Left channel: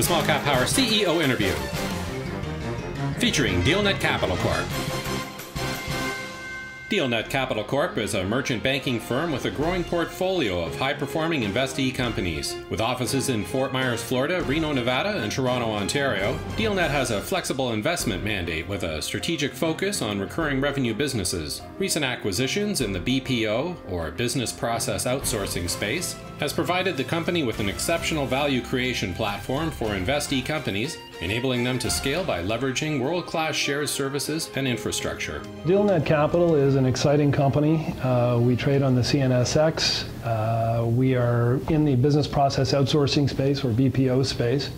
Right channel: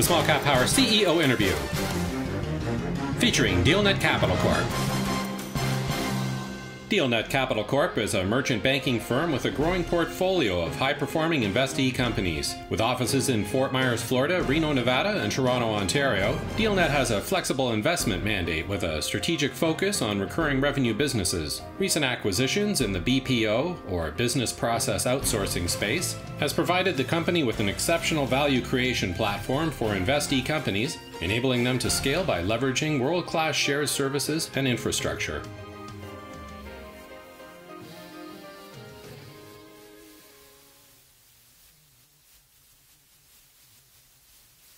The SmallCapPower CEO interview, featuring DealNet Capital Corp. DealNet Capital Corp is a merchant banking firm with a growing portfolio of high-performing investee companies. With offices in Fort Myers, Florida, Reno, Nevada, and Toronto, Ontario, DealNet has a flexible investment mandate with a strategic focus on recurring revenue businesses. Recent acquisitions in the BPO, or business process outsourcing space, has provided the company with an exceptional value creation platform for investee companies, enabling them to scale by leveraging world-class shared services and infrastructure. DealNet Capital is an exciting company. We trade on the CNSX. We are in the business process outsourcing space, or BPO space.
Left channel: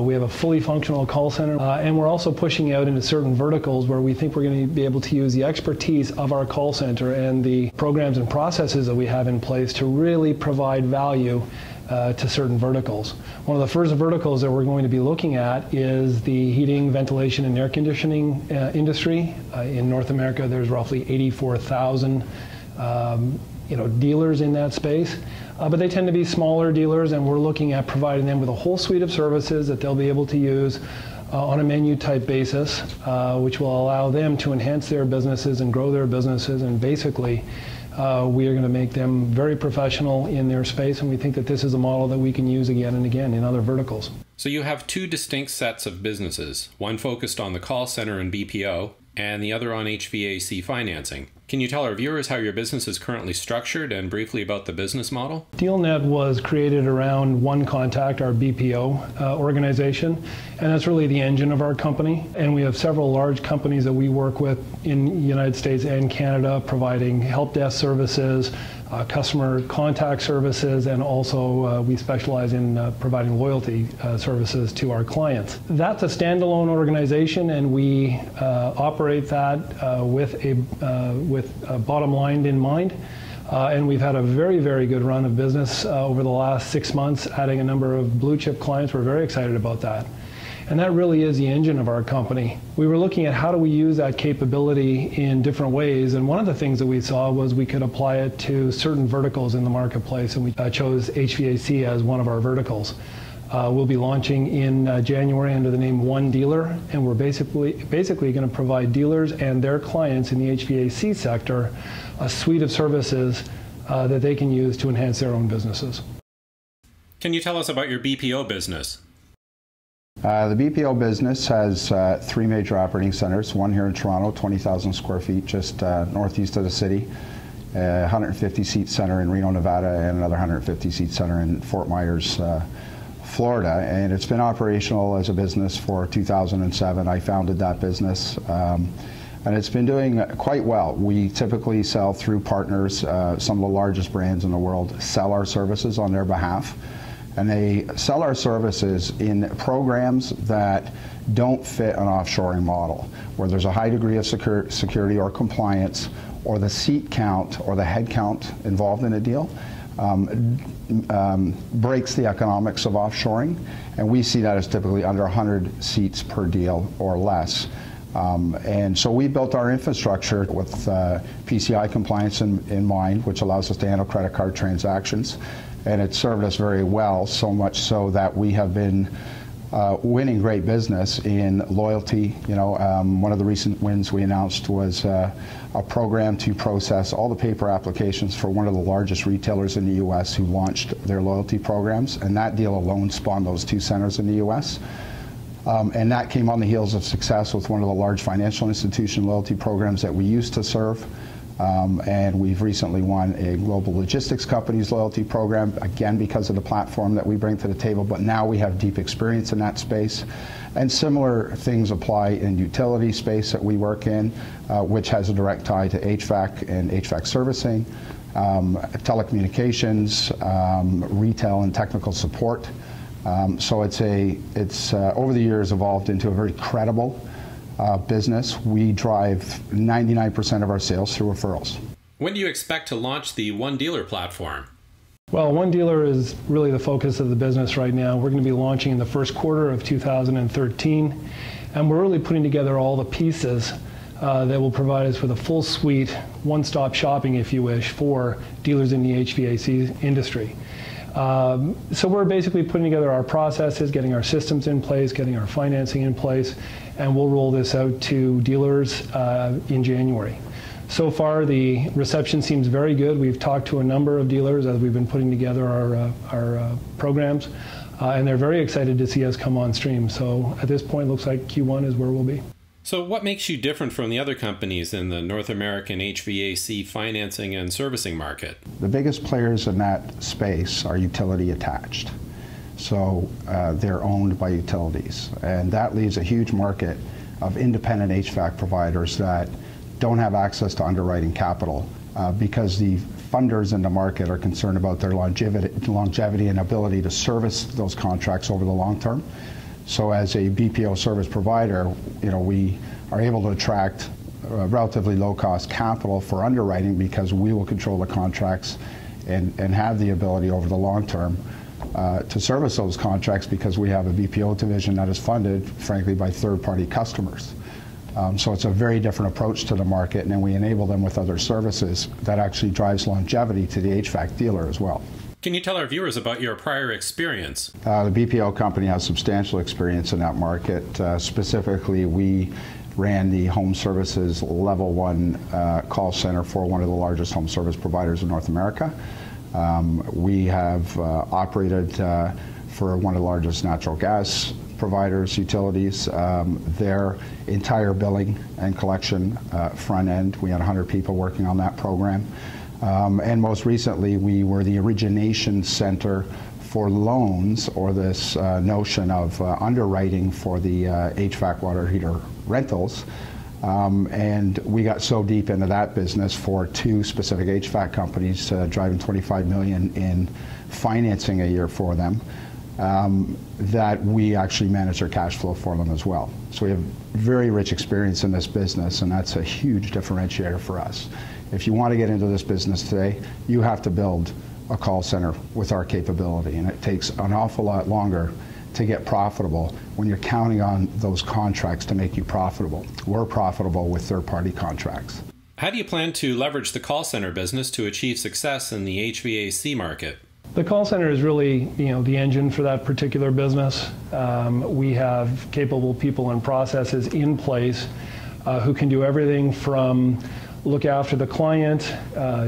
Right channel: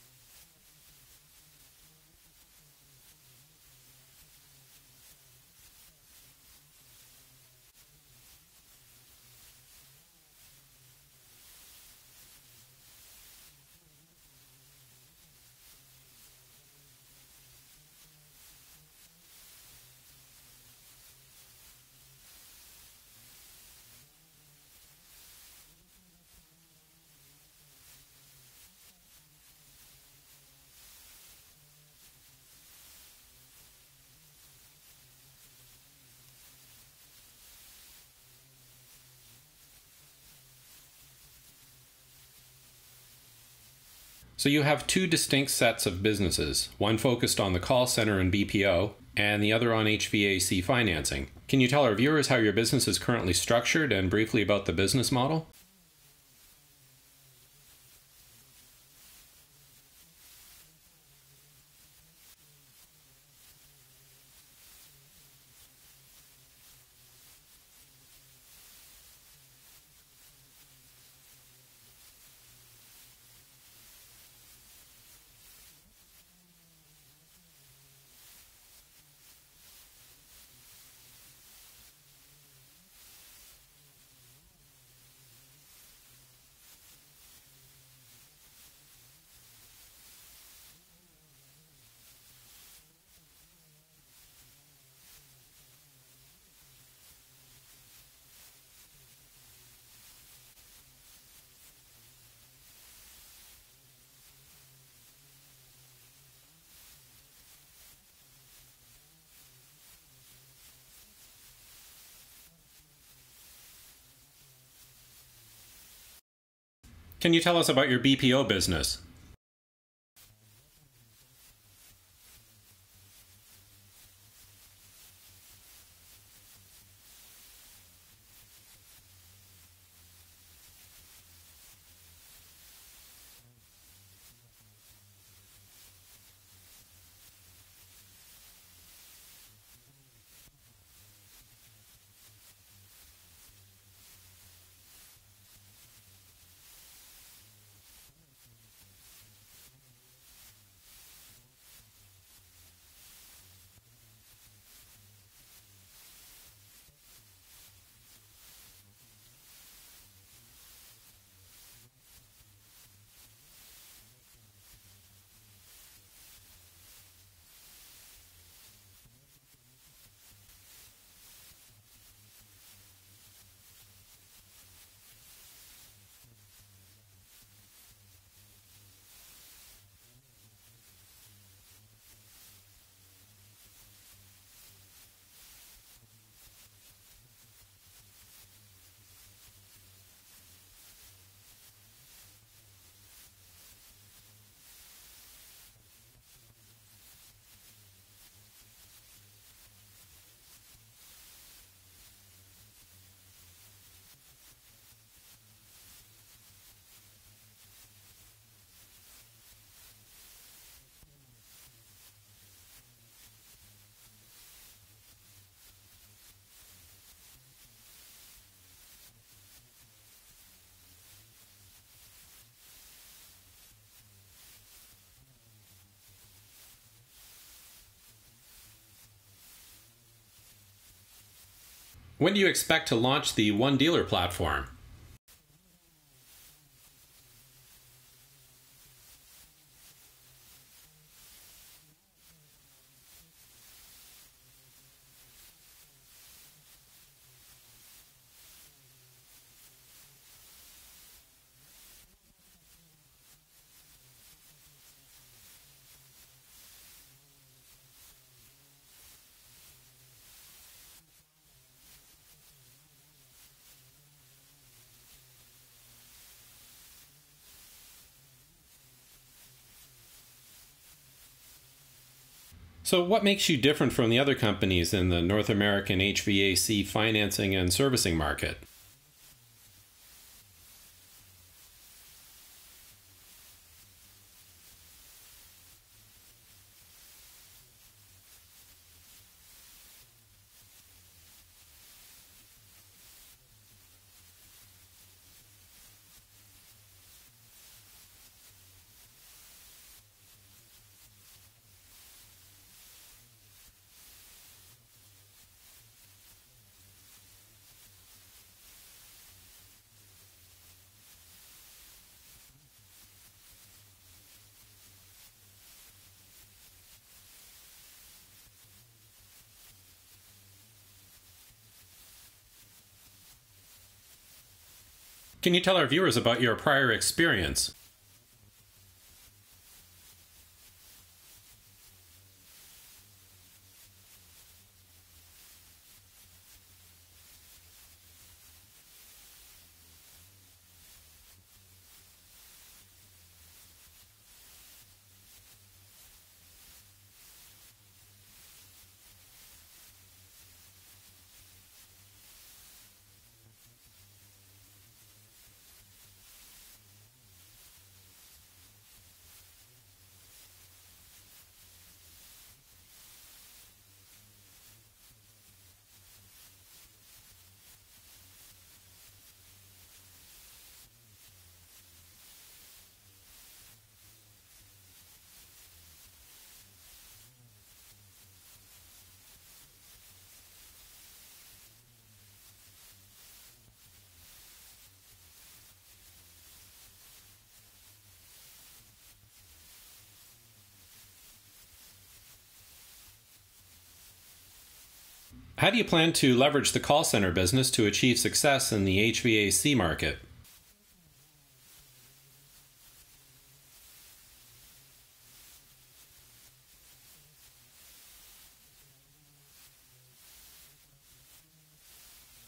We have a fully functional call center, and we're also pushing out into certain verticals where we think we're going to be able to use the expertise of our call center and the programs and processes that we have in place to really provide value to certain verticals. One of the first verticals that we're going to be looking at is the heating, ventilation, and air conditioning industry. In North America, there's roughly 84,000 dealers in that space, but they tend to be smaller dealers, and we're looking at providing them with a whole suite of services that they'll be able to use on a menu type basis, which will allow them to enhance their businesses and grow their businesses, and basically we are going to make them very professional in their space, and we think that this is a model that we can use again and again in other verticals. So you have two distinct sets of businesses, one focused on the call center and BPO, and the other on HVAC financing. Can you tell our viewers how your business is currently structured and briefly about the business model? DealNet was created around One Contact, our BPO organization, and that's really the engine of our company. And we have several large companies that we work with in the United States and Canada, providing help desk services, customer contact services, and also we specialize in providing loyalty services to our clients. That's a standalone organization, and we operate that with a bottom line in mind. And we've had a very, very good run of business over the last 6 months, adding a number of blue chip clients. We're very excited about that. And that really is the engine of our company. We were looking at how do we use that capability in different ways, and one of the things that we saw was we could apply it to certain verticals in the marketplace, and we chose HVAC as one of our verticals. We'll be launching in January under the name One Dealer, and we're basically going to provide dealers and their clients in the HVAC sector a suite of services that they can use to enhance their own businesses. Can you tell us about your BPO business? The BPO business has 3 major operating centers, one here in Toronto, 20,000 square feet, just northeast of the city, a 150-seat center in Reno, Nevada, and another 150-seat center in Fort Myers, Florida. And it's been operational as a business for 2007. I founded that business, and it's been doing quite well. We typically sell through partners. Some of the largest brands in the world sell our services on their behalf. And they sell our services in programs that don't fit an offshoring model, where there's a high degree of security or compliance, or the seat count or the head count involved in a deal breaks the economics of offshoring. And we see that as typically under 100 seats per deal or less. And so we built our infrastructure with PCI compliance in mind, which allows us to handle credit card transactions. And it served us very well, so much so that we have been winning great business in loyalty. One of the recent wins we announced was a program to process all the paper applications for one of the largest retailers in the U.S. who launched their loyalty programs, and that deal alone spawned those 2 centers in the U.S. And that came on the heels of success with one of the large financial institution loyalty programs that we used to serve. And we've recently won a global logistics company's loyalty program, again because of the platform that we bring to the table, but now we have deep experience in that space. And similar things apply in utility space that we work in, which has a direct tie to HVAC and HVAC servicing, telecommunications, retail and technical support. So it's over the years evolved into a very credible business. We drive 99% of our sales through referrals. When do you expect to launch the One Dealer platform? Well, One Dealer is really the focus of the business right now. We're going to be launching in the first quarter of 2013, and we're really putting together all the pieces that will provide us with a full suite, one-stop shopping, if you wish, for dealers in the HVAC industry. So we're basically putting together our processes, getting our systems in place, getting our financing in place, and we'll roll this out to dealers in January. So far, the reception seems very good. We've talked to a number of dealers as we've been putting together our programs, and they're very excited to see us come on stream. So at this point, it looks like Q1 is where we'll be. So what makes you different from the other companies in the North American HVAC financing and servicing market? The biggest players in that space are utility attached. So they're owned by utilities. And that leaves a huge market of independent HVAC providers that don't have access to underwriting capital because the funders in the market are concerned about their longevity and ability to service those contracts over the long term. So as a BPO service provider, we are able to attract relatively low-cost capital for underwriting because we will control the contracts and have the ability over the long term to service those contracts because we have a BPO division that is funded, frankly, by third-party customers. So it's a very different approach to the market, and then we enable them with other services that actually drives longevity to the HVAC dealer as well. Can you tell our viewers about your prior experience? The BPO company has substantial experience in that market. Specifically, we ran the home services level 1 call center for one of the largest home service providers in North America. We have operated for one of the largest natural gas providers, utilities. Their entire billing and collection front end, we had 100 people working on that program. And most recently, we were the origination center for loans, or this notion of underwriting for the HVAC water heater rentals. And we got so deep into that business for 2 specific HVAC companies, driving $25 million in financing a year for them, that we actually manage their cash flow for them as well. So we have very rich experience in this business, and that's a huge differentiator for us. If you want to get into this business today, you have to build a call center with our capability, and it takes an awful lot longer to get profitable when you're counting on those contracts to make you profitable. We're profitable with third-party contracts. How do you plan to leverage the call center business to achieve success in the HVAC market? The call center is really, the engine for that particular business. We have capable people and processes in place who can do everything from look after the client,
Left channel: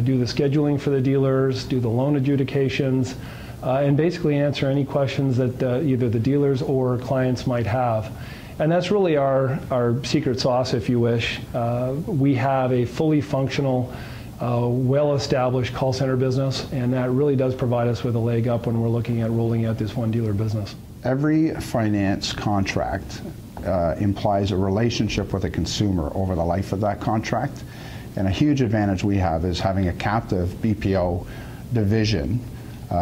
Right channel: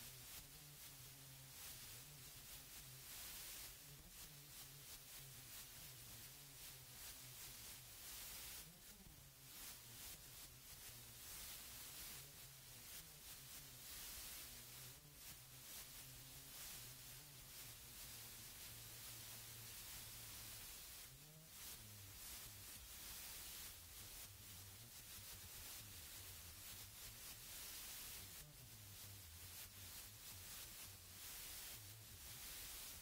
do the scheduling for the dealers, do the loan adjudications, and basically answer any questions that either the dealers or clients might have. And that's really our secret sauce, if you wish. We have a fully functional, well-established call center business, and that really does provide us with a leg up when we're looking at rolling out this one dealer business. Every finance contract implies a relationship with a consumer over the life of that contract. And a huge advantage we have is having a captive BPO division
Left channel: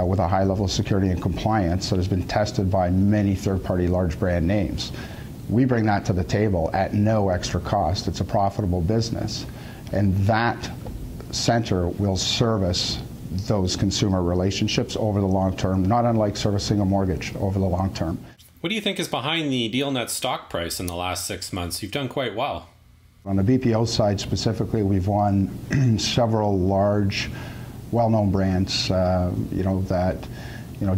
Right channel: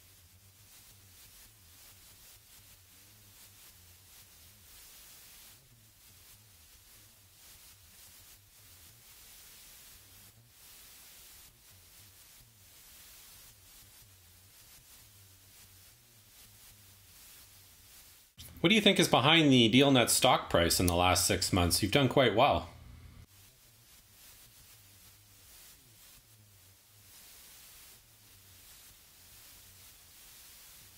with a high level of security and compliance that has been tested by many third-party large brand names. We bring that to the table at no extra cost. It's a profitable business. And that center will service those consumer relationships over the long term, not unlike servicing a mortgage over the long term. What do you think is behind the DealNet stock price in the last 6 months? You've done quite well. On the BPO side specifically, we've won several large, well-known brands, that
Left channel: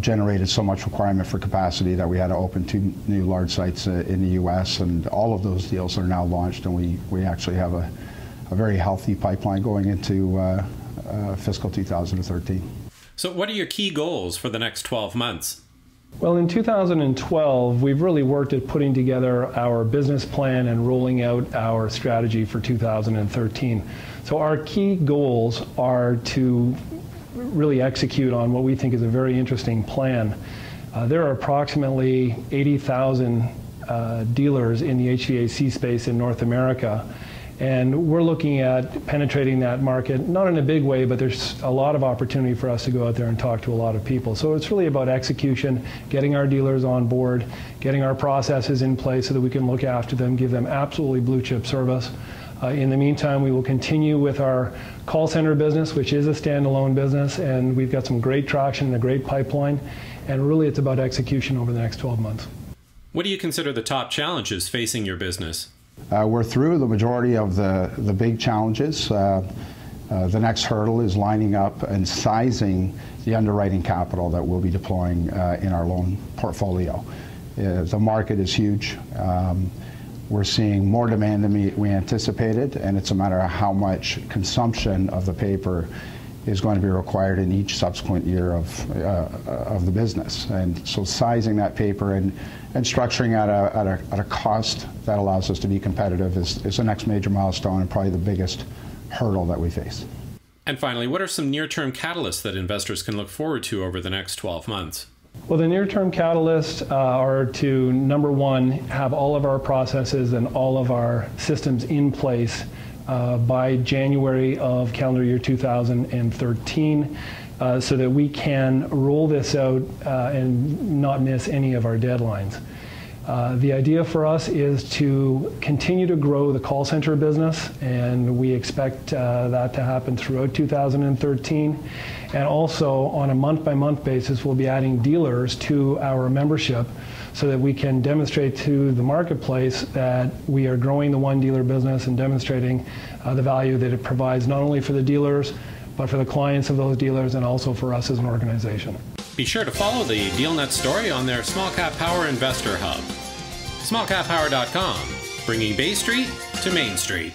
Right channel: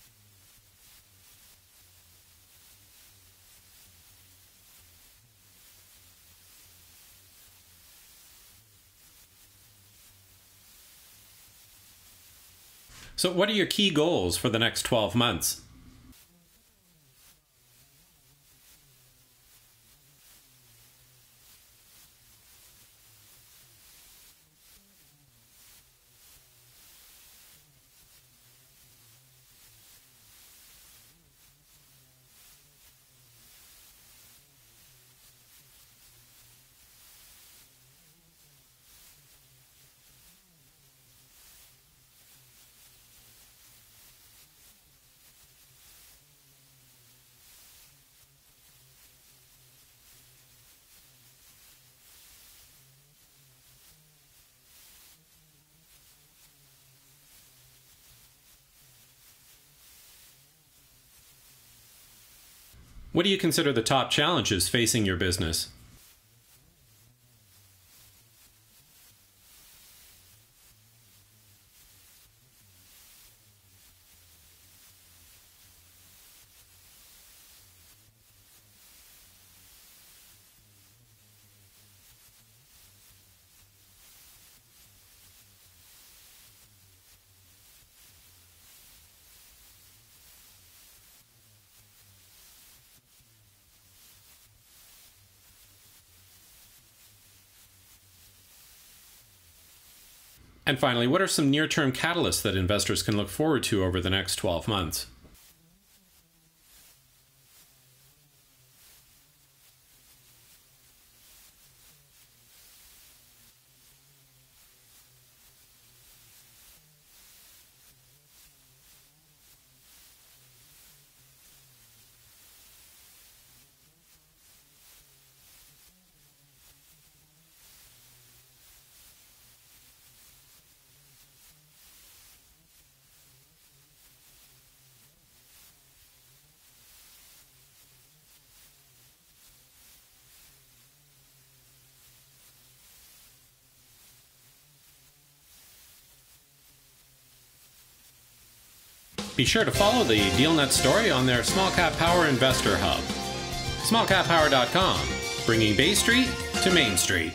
generated so much requirement for capacity that we had to open 2 new large sites in the U.S. And all of those deals are now launched, and we actually have a very healthy pipeline going into fiscal 2013. So, what are your key goals for the next 12 months? Well, in 2012, we've really worked at putting together our business plan and rolling out our strategy for 2013. So our key goals are to really execute on what we think is a very interesting plan. There are approximately 80,000 dealers in the HVAC space in North America. And we're looking at penetrating that market, not in a big way, but there's a lot of opportunity for us to go out there and talk to a lot of people. So it's really about execution, getting our dealers on board, getting our processes in place so that we can look after them, give them absolutely blue chip service. In the meantime, we will continue with our call center business, which is a standalone business, and we've got some great traction and a great pipeline. And really it's about execution over the next 12 months. What do you consider the top challenges facing your business? We're through the majority of the big challenges. The next hurdle is lining up and sizing the underwriting capital that we'll be deploying in our loan portfolio. The market is huge. We're seeing more demand than we anticipated, and it's a matter of how much consumption of the paper is going to be required in each subsequent year of the business. And so sizing that paper and structuring at a cost that allows us to be competitive is the next major milestone and probably the biggest hurdle that we face. And finally, what are some near-term catalysts that investors can look forward to over the next 12 months? Well, the near-term catalysts are to, number one, have all of our processes and all of our systems in place by January of calendar year 2013 so that we can roll this out and not miss any of our deadlines. The idea for us is to continue to grow the call center business, and we expect that to happen throughout 2013. And also, on a month-by-month basis, we'll be adding dealers to our membership so that we can demonstrate to the marketplace that we are growing the one dealer business and demonstrating the value that it provides not only for the dealers, but for the clients of those dealers and also for us as an organization. Be sure to follow the DealNet story on their SmallCapPower Investor Hub. SmallCapPower.com, bringing Bay Street to Main Street.